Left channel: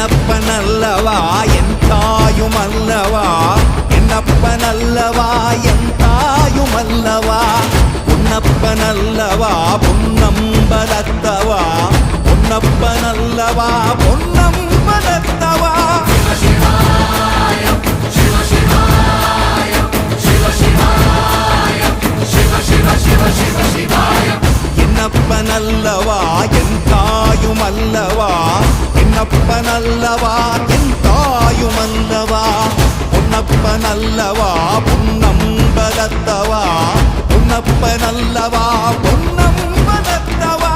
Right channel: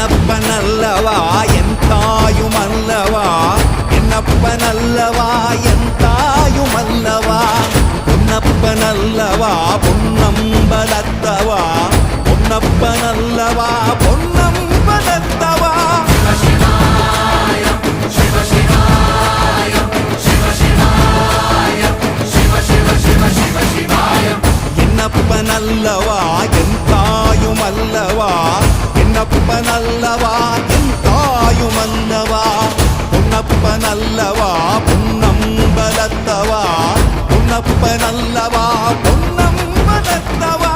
என்னப்பனல்லவா என் தாயுமல்லவா, என்னப்பனல்லவா என் தாயுமல்லவா, பொன்னப்பனல்லவா பொன்னம்பலத்தவா, பொன்னப்பனல்லவா பொன்னம்பலத்தவா. என்னப்பனல்லவா என் தாயுமல்லவா, என்னப்பனல்லவா என் தாயுமல்லவா, பொன்னப்பனல்லவா பொன்னம்பலத்தவா, பொன்னப்பனல்லவா பொன்னம்பலத்தவா.